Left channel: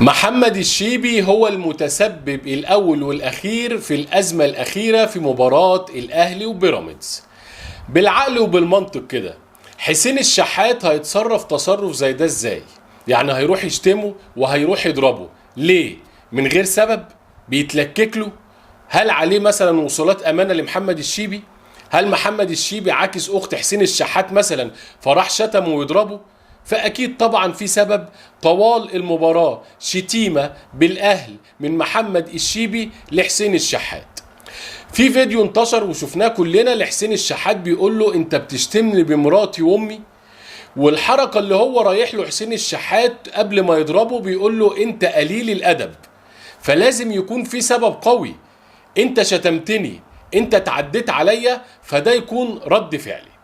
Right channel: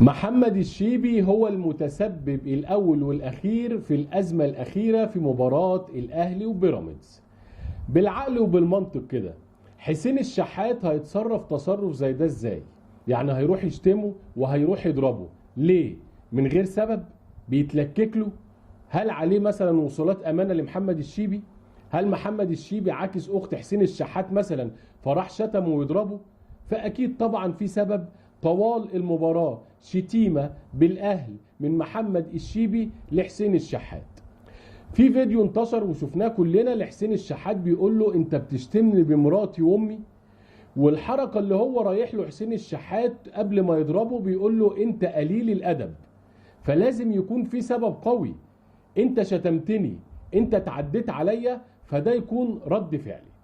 محمد الشيبي هو المتسبب الأول والأخير في الأزمة الأخيرة في مباراة الأهلي وبيراميدز. بالعقل وبالمنطق كده، حسين الشحات هيتصرف تصرف زي ده ازاي؟ يعني هيروح يشتمه وهيروح يضربه ليه؟ من غير سبب؟ بيتلكك له؟ هل عليه مثلا وصولات أمانة لمحمد الشيبي؟ هل محمد الشيبي عاكس أخت حسين الشحات مثلا فراح شتمه ويضربه؟ فأكيد طبعا في سبب طوال المباراة شتيمة بالأهل من محمد الشيبي لحسين الشحات. في فيديو انتشر وشفناه كلنا لحسين الشحات بيقول له انت بتشتمني بمراتي وامي، والحركة اللي هو رايح له حسين الشحات قبل ما يضربه بيقول له انت قليل الادب. فلازم يكون في سبب قوي، انت شتمتني، انت تعديت عليا، فده يكون رد فعلي.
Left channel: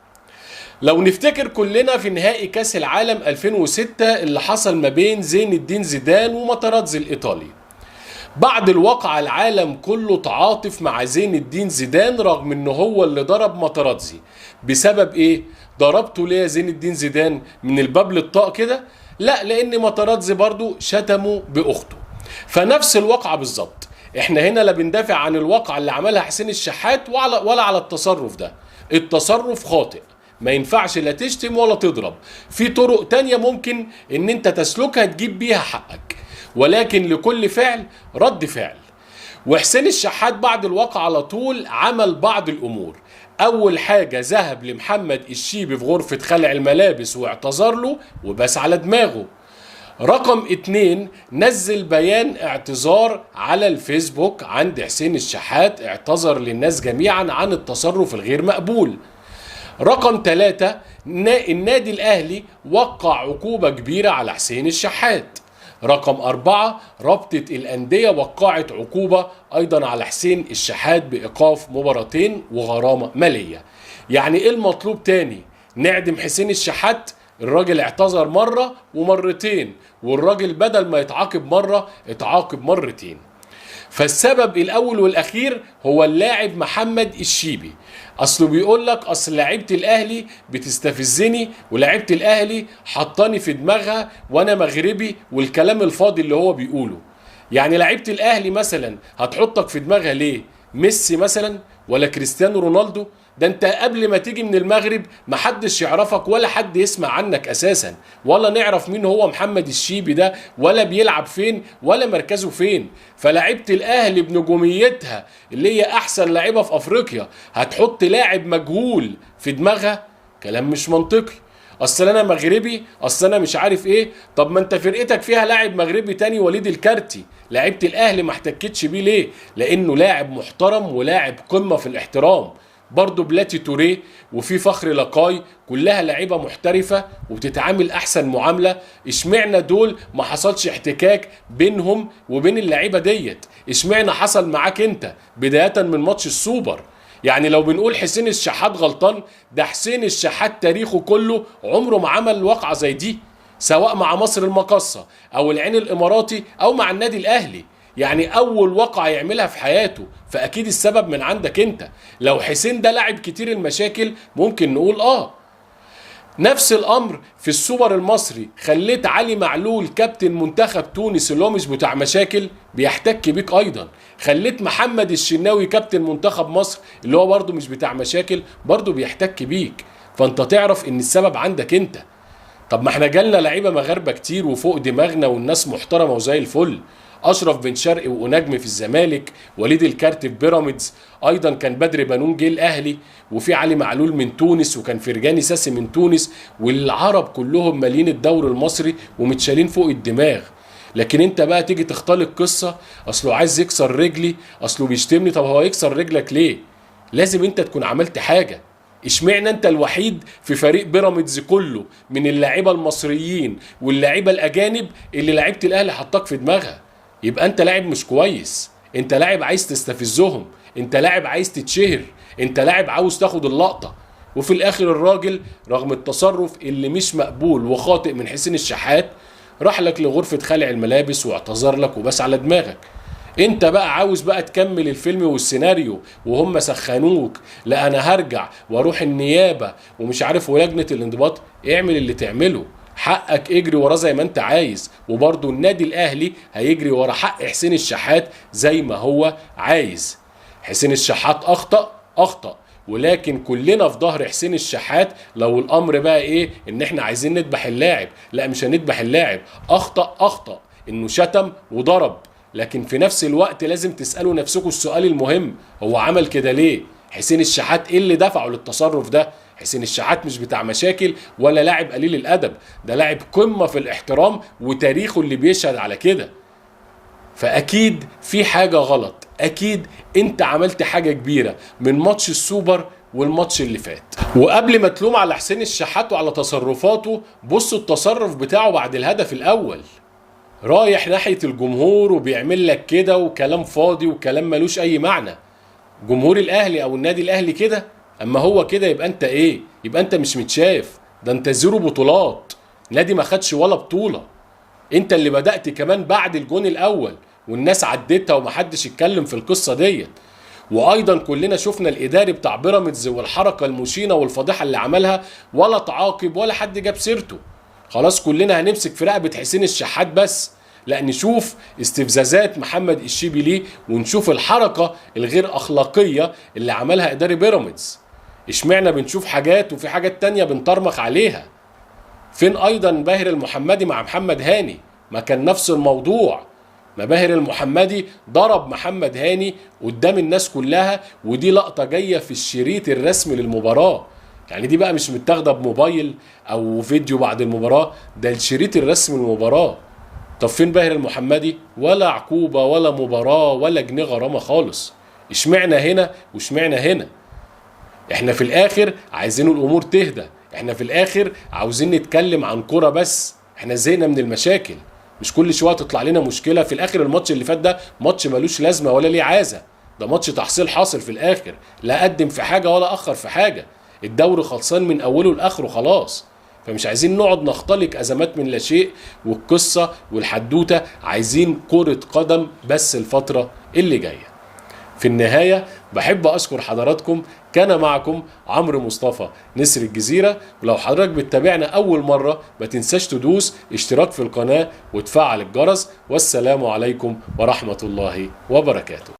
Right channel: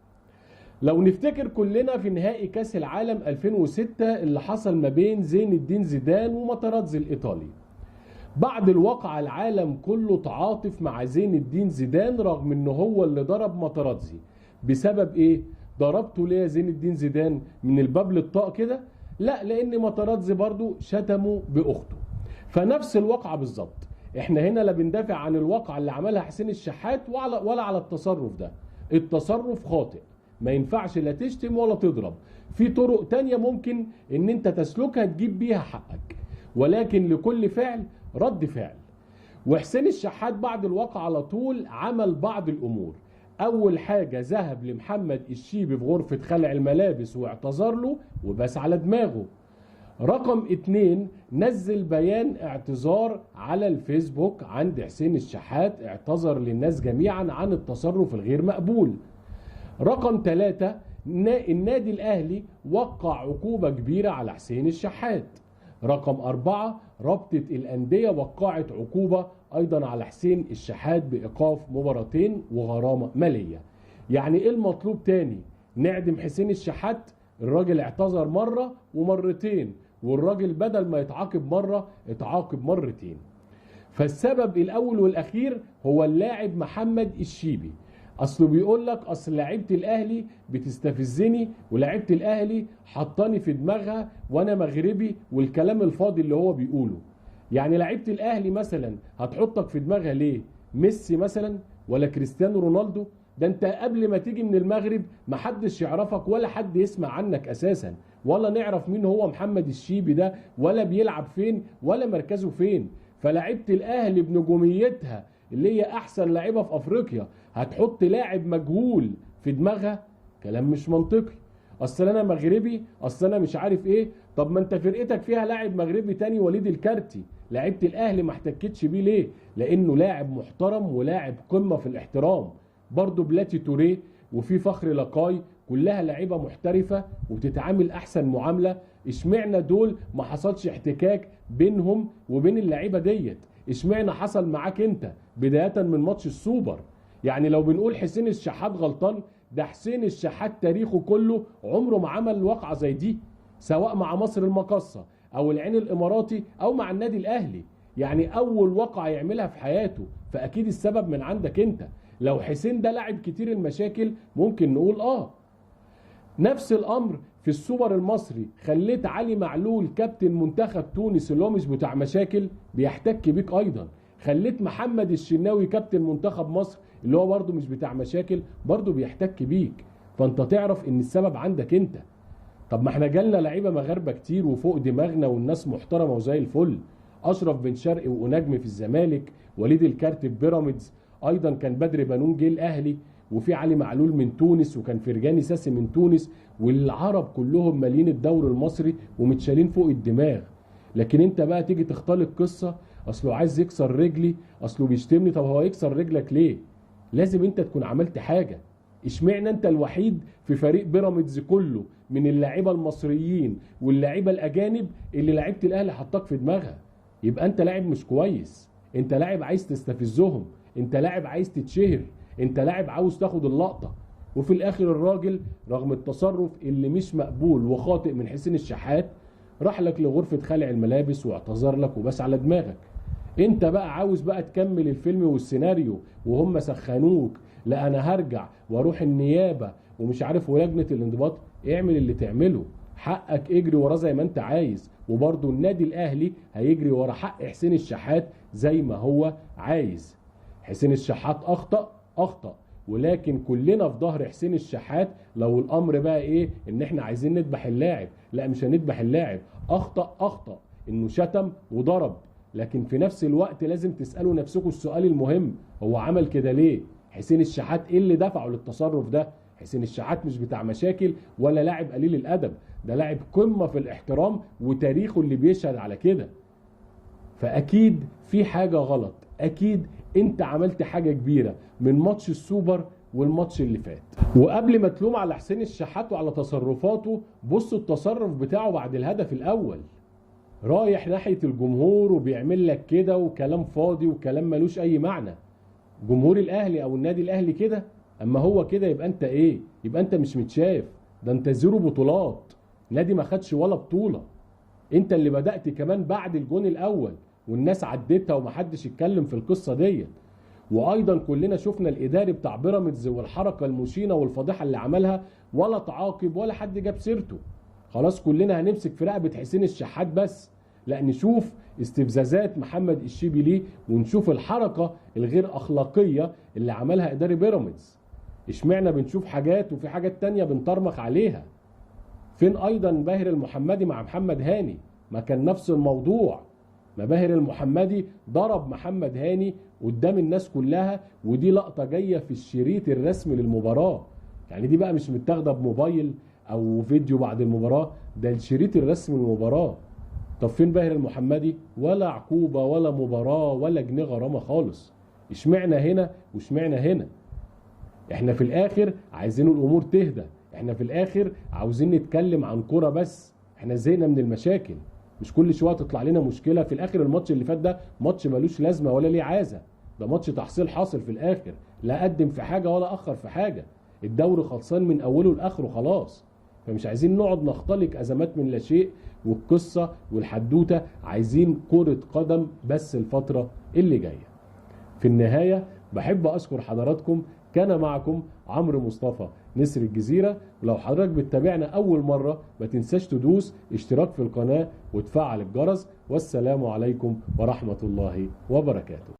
لو نفتكر كلنا في نهائي كاس العالم 2006 اللي حصل ما بين زين الدين زيدان وماتراتزي الايطالي، بعد الواقعة العالم كله تعاطف مع زين الدين زيدان رغم انه هو اللي ضرب ماتراتزي. بسبب ايه؟ ضربته ليه يا زين الدين زيدان من الباب للطاق كده؟ لا، لان ماتراتزي برضو شتمه باخته. فنفس الواقعة بالظبط. احنا هنا لا بندافع عن الواقعة اللي عملها حسين الشحات ولا على التصرف ده. التصرف خاطئ، ما ينفعش لا تشتم ولا تضرب. في طرق تانية ممكن ان انت تسلكها تجيب بيها حقك، ولكن لكل فعل رد فعل. وحسين الشحات بعد الواقع على طول عمل بعض الامور. اول حاجة ذهب لمحمد الشيبي في غرفة خلع الملابس واعتذر له وبس على دماغه. رقم 2، نزل بيان اعتذار على الفيسبوك عند حسين الشحات، اعتذر للناس جميعا عن التصرف الغير مقبول. رقم 3، النادي الأهلي وقع عقوبة كبيرة على حسين الشحات. رقم 4، رابطة الأندية وقعت عقوبة أيضا على حسين الشحات بإيقاف مباراتين وغرامة مالية. يعني إيه المطلوب تاني؟ نعدم حسين الشحات؟ الراجل اعتذر مرة ومرتين، والراجل بدل ما يتعاقب مرة اتعاقب مرتين. فالسبب الاول والاخير هو اللاعب محمد الشيبي. اصله بيقول لك اصل لعيبه الاهلي بتستفزني، ولعيبه الاهلي حطاني في دماغها وانا مغربي، والكلام الفاضي اللي هو بيقوله. يعني لعيبه الاهلي مثلا هتحطك في دماغها ليه؟ ميسي مثلا ولا كريستيانو رونالدو؟ ده انت قبل ما تيجي من المغرب محدش يعرفك ولا حد يسمع عنك اساسا، ولا نعرف مين هو محمد الشيبي ده، ولا بيلعب فين، ولا مركزه فين. فلاعيبه الاهلي بنجوميتها اللي هي احسن لاعيبه في افريقيا هتحط لاعب مجهول في دماغها؟ كلام مش منطقي. اصل انا مغربي، اصل انا مش عارف ايه. طب ما انت فرقتك فيها لاعب مغربي تاني، وليد الكارتي. لعيبه الاهلي ما احتكتش بيه ليه؟ لانه لاعب محترم ولاعب قمه في الاحترام. برضه بلاتي توريه وفي فخر لقاي، كلها لعيبه محترفه وبتتعامل احسن معامله. اشمعنى دول ما حصلش احتكاك بينهم وبين اللعيبه ديت؟ اشمعنى حصل معاك انت بدايه من ماتش السوبر؟ يعني لو بنقول حسين الشحات غلطان، ده حسين الشحات تاريخه كله عمره ما عمل واقعه زي دي، سواء مع مصر المقاصه او العين الاماراتي او مع النادي الاهلي. يعني اول واقعه يعملها في حياته، فاكيد السبب من عندك انت. لو حسين ده لاعب كتير المشاكل ممكن نقول نفس الامر في السوبر المصري، خليت علي معلول كابتن منتخب تونس اللي هو مش بتاع مشاكل بيحتك بيك ايضا. خليت محمد الشناوي كابتن منتخب مصر اللي هو برضه مش بتاع مشاكل برضه بيحتك بيك. فانت تعرف ان السبب عندك انت. طب ما احنا جالنا لعيبه مغاربه كتير وفوق دماغنا والناس محترمه وزي الفل. اشرف بن شرقي ونجم في الزمالك، وليد الكارت في بيراميدز، ايضا كان بدر بنون جه الاهلي، وفي علي معلول من تونس، وكان فرجاني ساسي من تونس، والعرب كلهم مالين الدوري المصري ومتشالين فوق الدماغ. لكن انت بقى تيجي تختلق قصه، اصله عايز يكسر رجلي، اصله بيشتمني. طب هو يكسر رجلك ليه؟ لازم انت تكون عملت حاجه. اشمعنى انت الوحيد في فريق بيراميدز كله من اللاعيبه المصريين واللاعيبه الاجانب اللي لعيبه الاهلي حطاك في دماغها؟ يبقى انت لاعب مش كويس، انت لاعب عايز تستفزهم، انت لاعب عايز تتشهر، انت لاعب عاوز تاخد اللقطه. وفي الاخر الراجل رغم التصرف اللي مش مقبول وخاطئ من حسين الشحات راح لك لغرفه خلع الملابس واعتذر لك وبس على دماغك. انت بقى عاوز بقى تكمل الفيلم والسيناريو وهم سخنوك، لا انا هرجع واروح النيابه ومش عارف ولجنه الانضباط. اعمل اللي تعمله، حقك اجري وراه زي ما انت عايز، وبرضه النادي الاهلي هيجري ورا حق حسين الشحات زي ما هو عايز. حسين الشحات اخطأ، ولكن كلنا في ظهر حسين الشحات. لو الامر بقى ايه ان احنا عايزين نذبح اللاعب، لا مش هنذبح اللاعب. اخطأ انه شتم وضرب، لكن في نفس الوقت لازم تسألوا نفسكم السؤال المهم، هو عمل كده ليه؟ حسين الشحات ايه اللي دفعه للتصرف ده؟ حسين الشحات مش بتاع مشاكل ولا لاعب قليل الادب، ده لاعب قمة في الاحترام وتاريخه اللي بيشهد على كده. فاكيد في حاجة غلط، اكيد انت عملت حاجة كبيرة من ماتش السوبر والماتش اللي فات. وقبل ما تلوم على حسين الشحات وعلى تصرفاته، بصوا التصرف بتاعه بعد الهدف الاول، رايح ناحية الجمهور وبيعمل لك كده وكلام فاضي وكلام ملوش اي معنى. جمهور الاهلي او النادي الاهلي كده؟ اما هو كده يبقى انت ايه؟ يبقى انت مش متشاف، ده انت 0 بطولات، نادي ما خدش ولا بطولة. انت اللي بدأت كمان بعد الجون الاول والناس عدتها ومحدش اتكلم في القصة ديت. وايضا كلنا شفنا الاداري بتاع بيراميدز والحركة المشينة والفضيحة اللي عملها، ولا تعاقب ولا حد جاب سيرته. خلاص كلنا هنمسك في رقبة حسين الشحات بس، لا نشوف استفزازات محمد الشيبي ونشوف الحركة الغير اخلاقية اللي عملها اداري بيراميدز. اشمعنا بنشوف حاجات وفي حاجات تانية بنطرمخ عليها؟ فين ايضا باهر المحمدي مع محمد هاني؟ ما كان نفس الموضوع، ما باهر المحمدي ضرب محمد هاني قدام الناس كلها، ودي لقطة جاية في الشريط الرسمي للمباراة. يعني دي بقى مش متاخدة بموبايل او فيديو بعد المباراة، ده الشريط الرسمي للمباراة. طب فين باهر المحمدي؟ ولا عقوبة ولا مباراة ولا جنيه غرامة خالص. اشمعنا هنا واشمعنا هنا؟ احنا في الاخر عايزين الامور تهدى، احنا في الاخر عاوزين نتكلم عن كرة بس، احنا زهقنا من المشاكل. مش كل شويه تطلع لنا مشكله. في الاخر الماتش اللي فات ده ماتش ملوش لازمه ولا ليه عازه، ده ماتش تحصيل حاصل في الاخر، لا قدم في حاجه ولا اخر في حاجه، الدوري خلصان من اوله لاخره خلاص. فمش عايزين نقعد نختلق ازمات من لا شيء، والقصه والحدوته عايزين كره قدم بس الفتره اللي جايه. في النهاية بحب أشكر حضراتكم، كان معكم عمرو مصطفى نسر الجزيرة. ولو حضرتك بتتابعنا أول مرة ما تنساش تدوس اشتراك في القناة وتفعل الجرس. والسلام عليكم ورحمة الله وبركاته.